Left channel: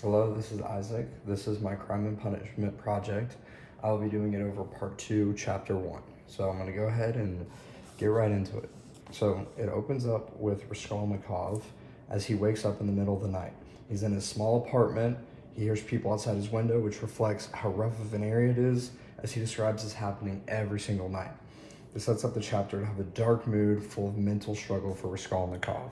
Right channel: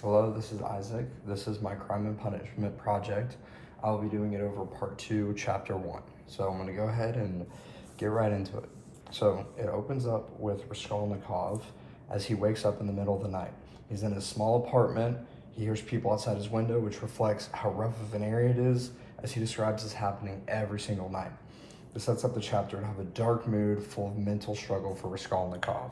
Hello, this is Isaac. This is my crime and punishment project. I'll be doing it over part 2, chapter 1. So I'm going to go ahead and get right into it. So it opens up with Raskolnikov as he wakes up in the middle of the night. He's in a small apartment. He hears people outside his window, which reflects how rough of an area it is, as he describes as happening every single night. This sets up the chapter to have a dark mood full of mental struggle for Raskolnikov.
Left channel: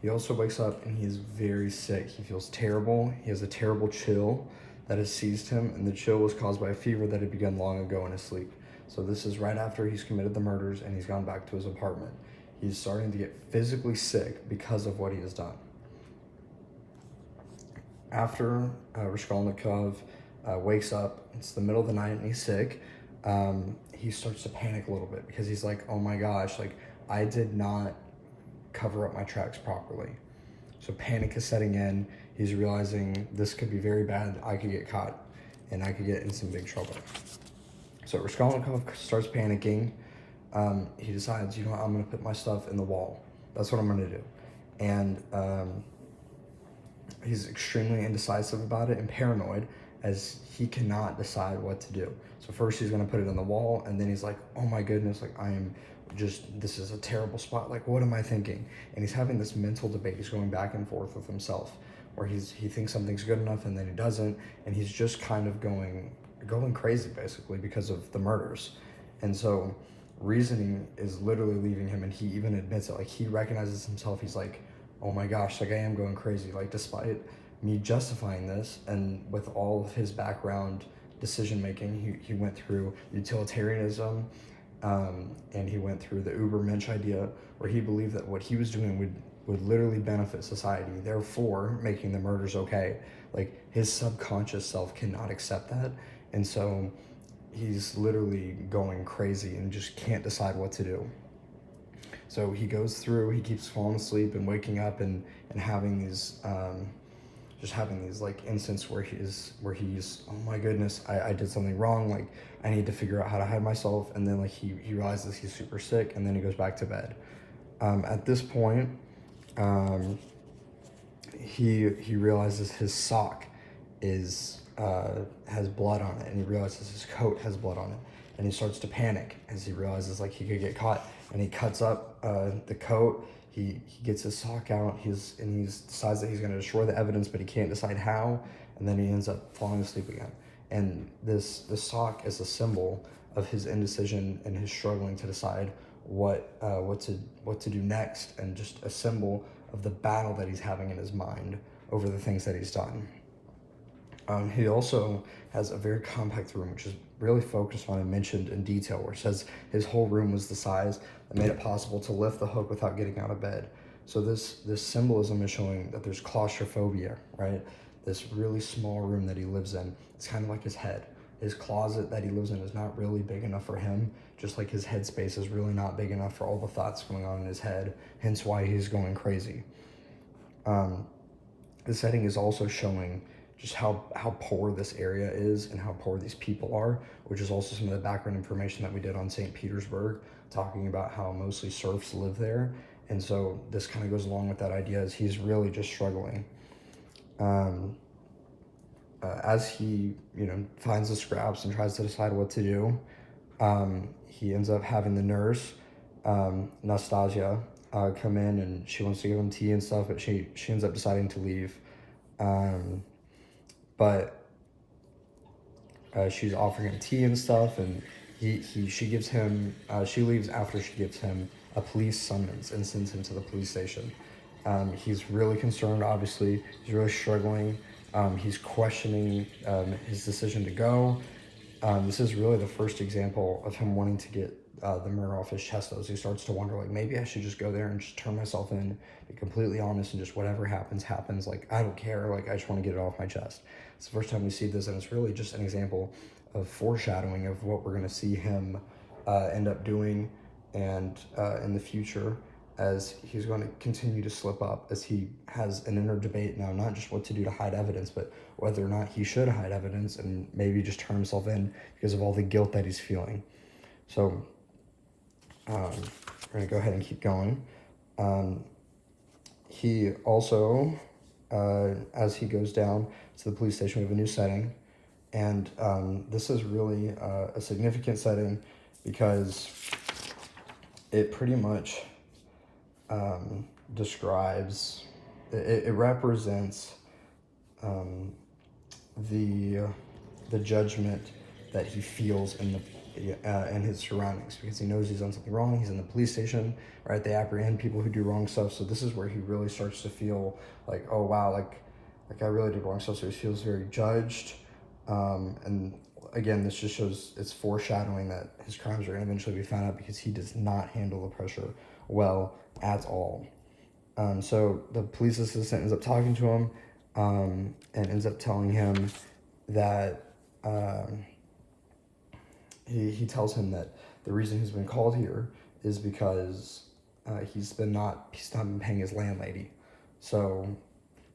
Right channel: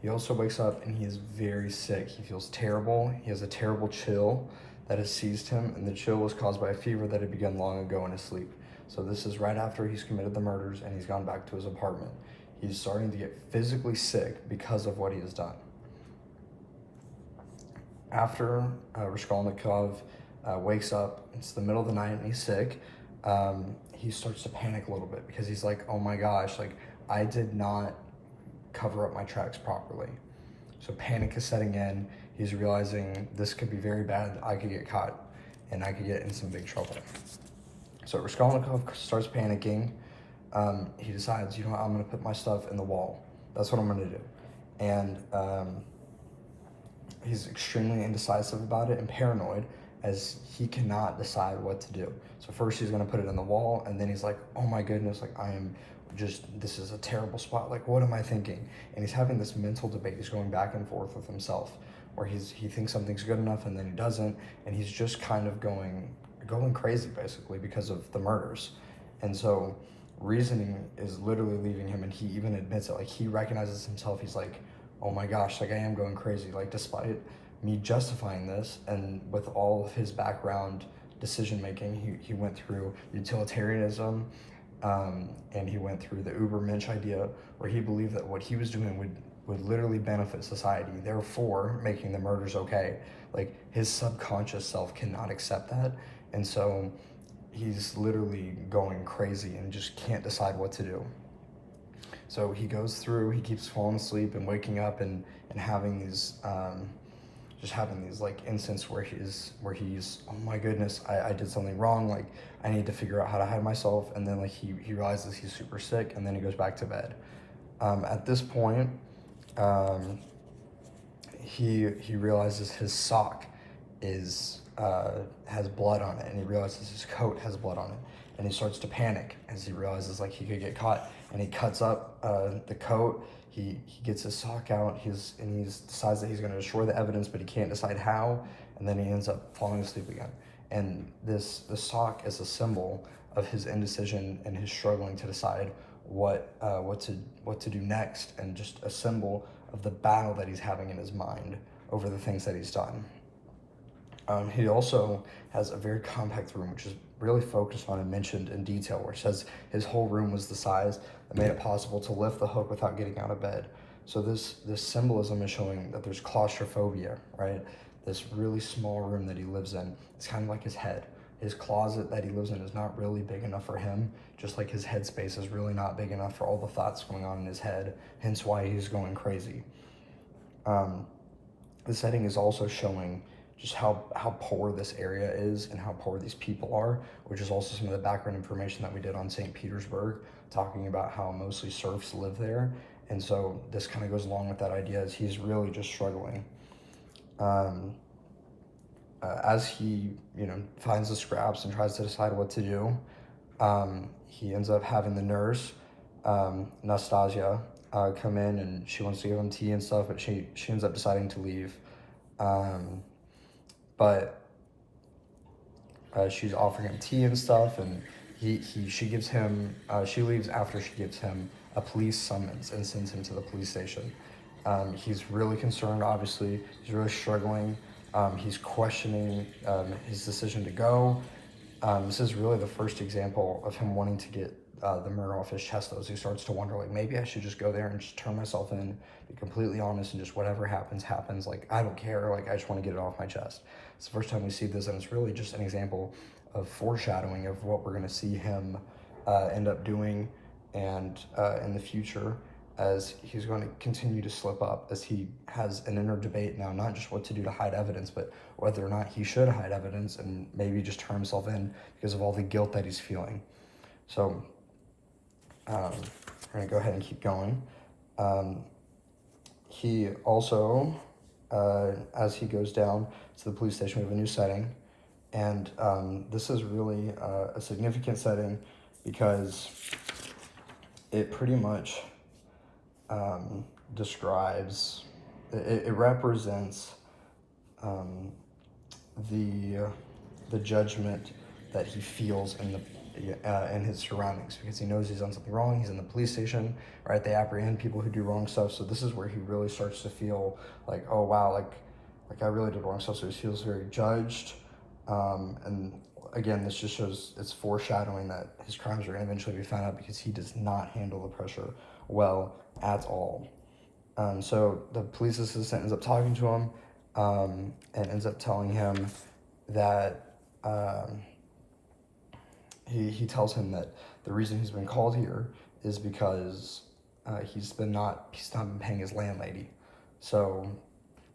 He also wakes up and he is very sick. He feels terrible. He has a terrible chill that has seized him, and the chill was caused by a fever that had begun long ago in his sleep. So this is right after he's committed the murders and he's gone back to his apartment. He's starting to get physically sick because of what he has done. After Raskolnikov wakes up, it's the middle of the night and he's sick, he starts to panic a little bit because he's like, oh my gosh, like I did not cover up my tracks properly. So panic is setting in. He's realizing this could be very bad. I could get caught and I could get in some big trouble. So Raskolnikov starts panicking. He decides, I'm going to put my stuff in the wall. That's what I'm going to do. And he's extremely indecisive about it and paranoid as he cannot decide what to do. So first he's going to put it in the wall, and then he's like, oh my goodness, like this is a terrible spot. Like, what am I thinking? And he's having this mental debate. He's going back and forth with himself, where he thinks something's good enough and then he doesn't, and he's just kind of going crazy basically because of the murders. And so reasoning is literally leaving him, and he even admits it. Like, he recognizes himself. He's like, oh my gosh, like I am going crazy. Like, despite me justifying this, and with all of his background decision making, he went through utilitarianism, and he went through the Ubermensch idea, where he believed that what he was doing would literally benefit society, therefore making the murders okay. Like, his subconscious self cannot accept that, and so he's literally going crazy and just can't decide what to do. So he goes through, he keeps falling asleep and waking up and having these just having these like instances where he's oh my goodness, I did something wrong, like I need to figure out how to hide myself. And then like he realizes he's super sick, and then he goes back to bed. At this point, he realizes his sock is has blood on it, and he realizes his coat has blood on it, and he starts to panic as he realizes like he could get caught, and he cuts up the coat. He gets his sock out. He decides that he's going to destroy the evidence, but he can't decide how, and then he ends up falling asleep again. And the sock is a symbol of his indecision and his struggling to decide what to do next, and just a symbol of the battle that he's having in his mind over the things that he's done. He also has a very compact room, which is really focused on and mentioned in detail, where it says his whole room was the size that made it possible to lift the hook without getting out of bed. So this symbolism is showing that there's claustrophobia, right? This really small room that he lives in, it's kind of like his head. His closet that he lives in is not really big enough for him, just like his headspace is really not big enough for all the thoughts going on in his head, hence why he's going crazy. The setting is also showing just how poor this area is and how poor these people are, which is also some of the background information that we did on St. Petersburg, talking about how mostly serfs live there. And so this kind of goes along with that idea, as he's really just struggling. As he finds the scraps and tries to decide what to do, he ends up having the nurse, Nastasia, come in, and she wants to give him tea and stuff, but she ends up deciding to leave. But she's offering him tea and stuff, and she gives him, she leaves after she gives him a police summons and sends him to the police station. He's really concerned, obviously. He's really struggling. He's questioning his decision to go. This is really the first example of him wanting to get the murder off his chest, as he starts to wonder, like, maybe I should just go there and just turn myself in, be completely honest, and just whatever happens, happens. Like, I don't care. Like, I just want to get it off my chest. It's the first time we see this, and it's really just an example of foreshadowing of what we're going to see him end up doing, and in the future, as he's going to continue to slip up, as he has an inner debate now, not just what to do to hide evidence, but whether or not he should hide evidence and maybe just turn himself in because of all the guilt that he's feeling. So we're going to go ahead and keep going. He also, as as he goes down to the police station, we have a new setting. And this is really a significant setting because it pretty much describes, it represents the judgment that he feels in his surroundings, because he knows he's done something wrong. He's in the police station, right? They apprehend people who do wrong stuff. So this is where he really starts to feel like, oh wow, like I really did wrong stuff. So he feels very judged. And again, this just shows, it's foreshadowing that his crimes are going to eventually be found out, because he does not handle the pressure well at all. So the police assistant ends up talking to him and ends up telling him that he tells him that the reason he's been called here is because he's not been paying his landlady. So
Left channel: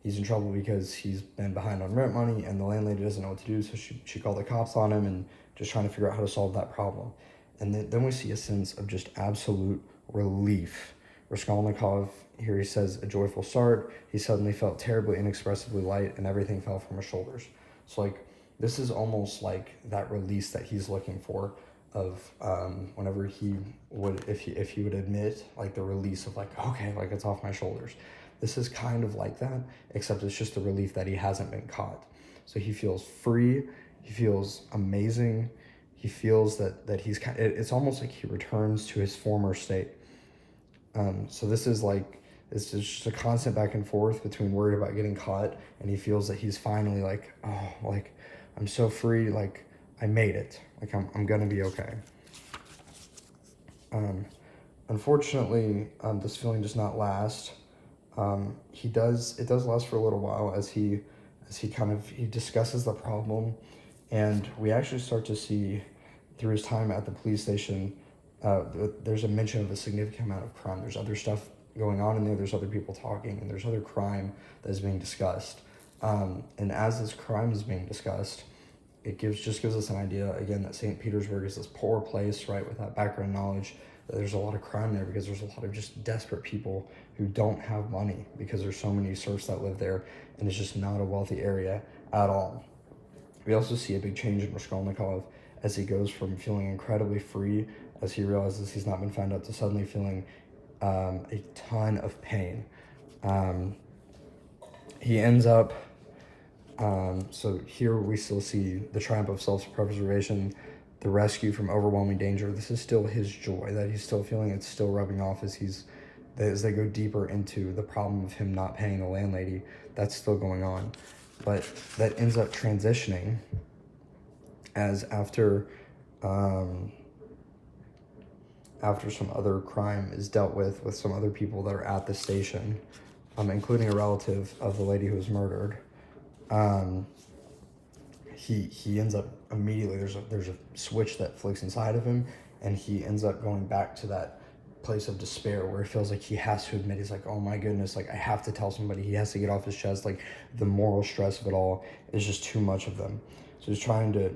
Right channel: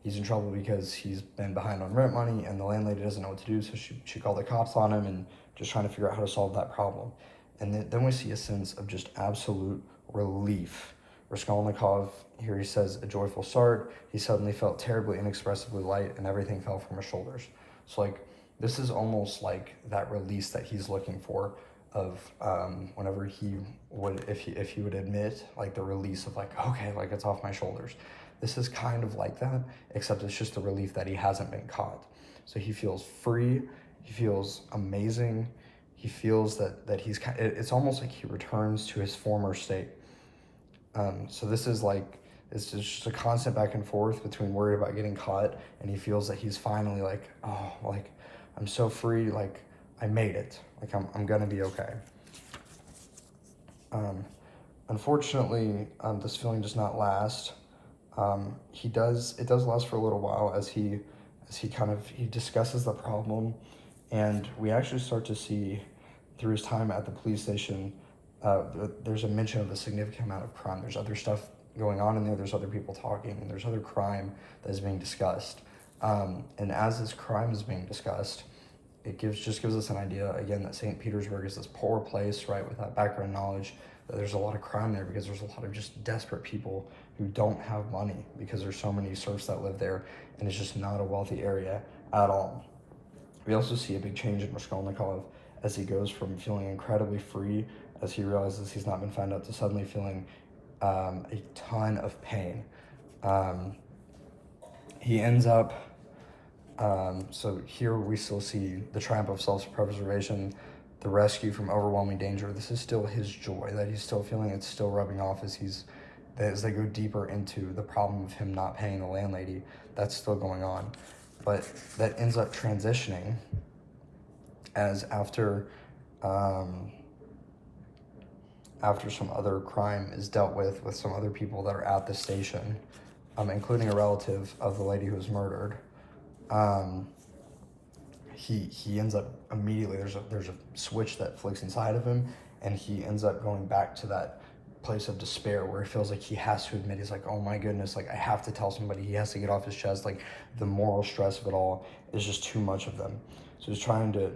he's in trouble because he's been behind on rent money, and the landlady doesn't know what to do, so she called the cops on him and just trying to figure out how to solve that problem. And then we see a sense of just absolute relief. Raskolnikov, here he says, a joyful start. He suddenly felt terribly inexpressibly light, and everything fell from his shoulders. So like, this is almost like that release that he's looking for, of whenever he would, if he would admit, like the release of like, okay, like it's off my shoulders. This is kind of like that, except it's just the relief that he hasn't been caught. So he feels free, he feels amazing, he feels that he's kind of, it's almost like he returns to his former state. So this is like, it's just a constant back and forth between worried about getting caught, and he feels that he's finally like, oh, like I'm so free, like I made it, like I'm gonna be okay. Unfortunately, this feeling does not last. It does last for a little while as he discusses the problem, and we actually start to see through his time at the police station, there's a mention of a significant amount of crime. There's other stuff going on in there, there's other people talking, and there's other crime that is being discussed. And as this crime is being discussed, it gives us an idea, again, that St. Petersburg is this poor place, right, with that background knowledge, that there's a lot of crime there because there's a lot of just desperate people who don't have money, because there's so many serfs that live there, and it's just not a wealthy area at all. We also see a big change in Raskolnikov as he goes from feeling incredibly free, as he realizes he's not been found out, to suddenly feeling a ton of pain. He ends up, so here we still see the triumph of self-preservation, the rescue from overwhelming danger. This is still his joy that he's still feeling. It's still rubbing off as they go deeper into the problem of him not paying the landlady. That's still going on, but that ends up transitioning as after some other crime is dealt with some other people that are at the station, including a relative of the lady who was murdered. He ends up immediately, there's a switch that flicks inside of him, and he ends up going back to that place of despair where he feels like he has to admit, he's like, oh my goodness, like I have to tell somebody, he has to get off his chest, like the moral stress of it all is just too much of them. So he's trying to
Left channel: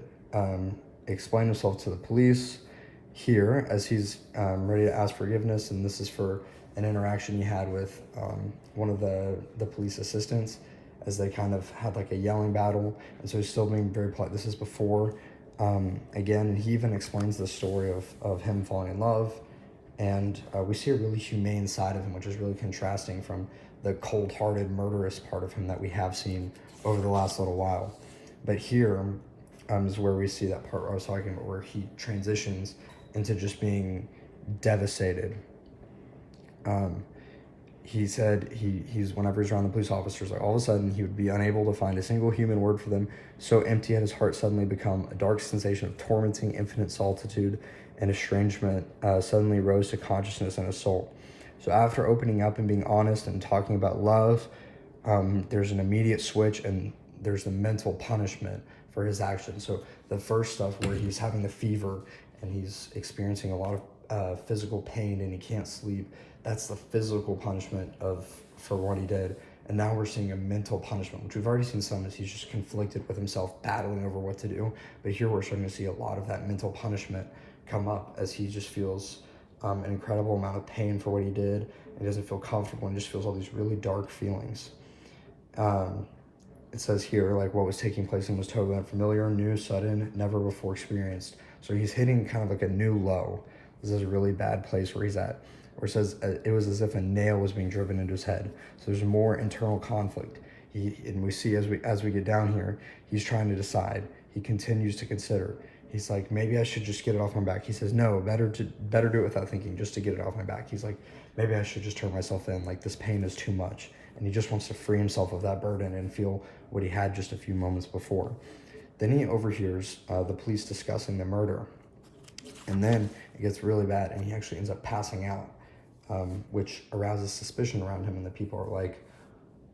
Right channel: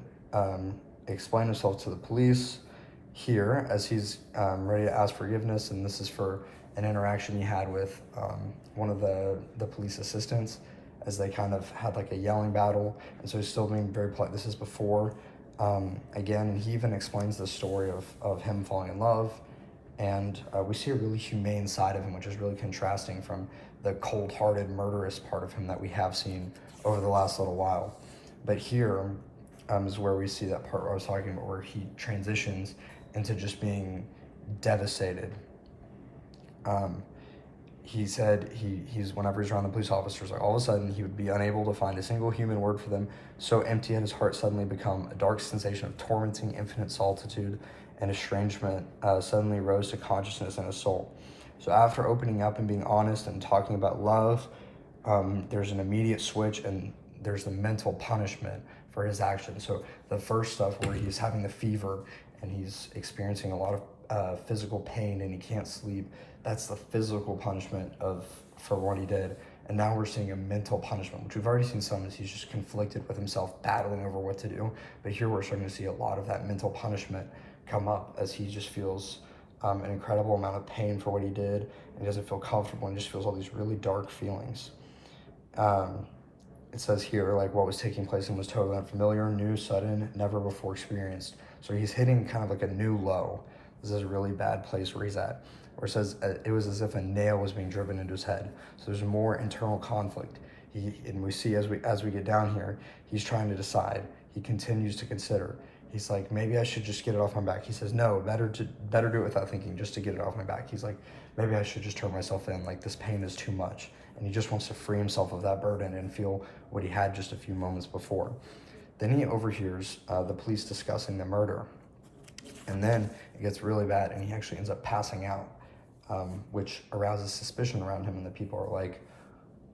explain himself to the police here as he's ready to ask forgiveness, and this is for an interaction he had with one of the police assistants, as they kind of had like a yelling battle, and so he's still being very polite. This is before, again, he even explains the story of him falling in love, and we see a really humane side of him, which is really contrasting from the cold-hearted, murderous part of him that we have seen over the last little while. But here is where we see that part where I was talking about, where he transitions into just being devastated. He said he's whenever he's around the police officers, like all of a sudden he would be unable to find a single human word for them. So empty had his heart suddenly become. A dark sensation of tormenting infinite solitude and estrangement suddenly rose to consciousness in his soul. So after opening up and being honest and talking about love, there's an immediate switch, and there's the mental punishment for his actions. So the first stuff where he's having the fever and he's experiencing a lot of physical pain and he can't sleep, that's the physical punishment for what he did. And now we're seeing a mental punishment, which we've already seen some, as he's just conflicted with himself, battling over what to do. But here we're starting to see a lot of that mental punishment come up, as he just feels an incredible amount of pain for what he did. He doesn't feel comfortable and just feels all these really dark feelings. it says here, like, what was taking place and was totally unfamiliar, new, sudden, never before experienced. So he's hitting kind of like a new low. This is a really bad place where he's at. Where it says it was as if a nail was being driven into his head. So there's more internal conflict. And we see as we get down here, he's trying to decide. He continues to consider. He's like, maybe I should just get it off my back. He says, no, better do it without thinking, just to get it off my back. He's like, maybe I should just turn myself in. Like, this pain is too much. And he just wants to free himself of that burden and feel what he had just a few moments before. Then he overhears the police discussing the murder. And then it gets really bad, and he actually ends up passing out, which arouses suspicion around him. And the people are like,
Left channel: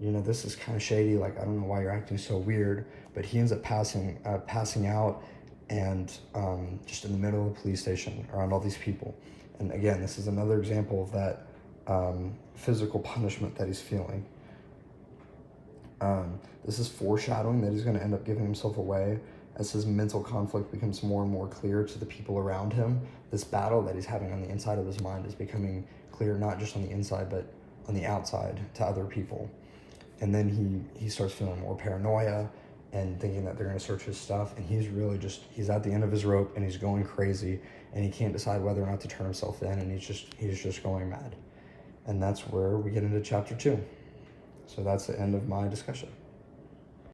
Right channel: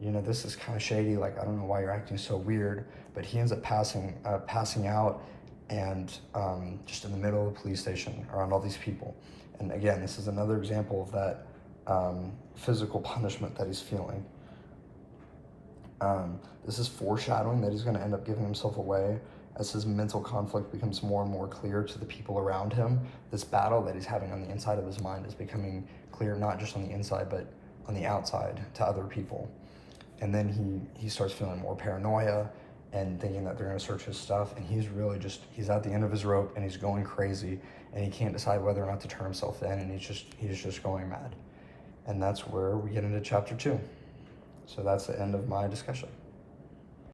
this is kind of shady. Like, I don't know why you're acting so weird. But he ends up passing out, and just in the middle of the police station around all these people. And again, this is another example of that physical punishment that he's feeling. This is foreshadowing that he's going to end up giving himself away as his mental conflict becomes more and more clear to the people around him. This battle that he's having on the inside of his mind is becoming clear, not just on the inside, but on the outside to other people. And then he starts feeling more paranoia and thinking that they're going to search his stuff. And he's at the end of his rope, and he's going crazy, and he can't decide whether or not to turn himself in, and he's just going mad. And that's where we get into chapter 2. So that's the end of my discussion.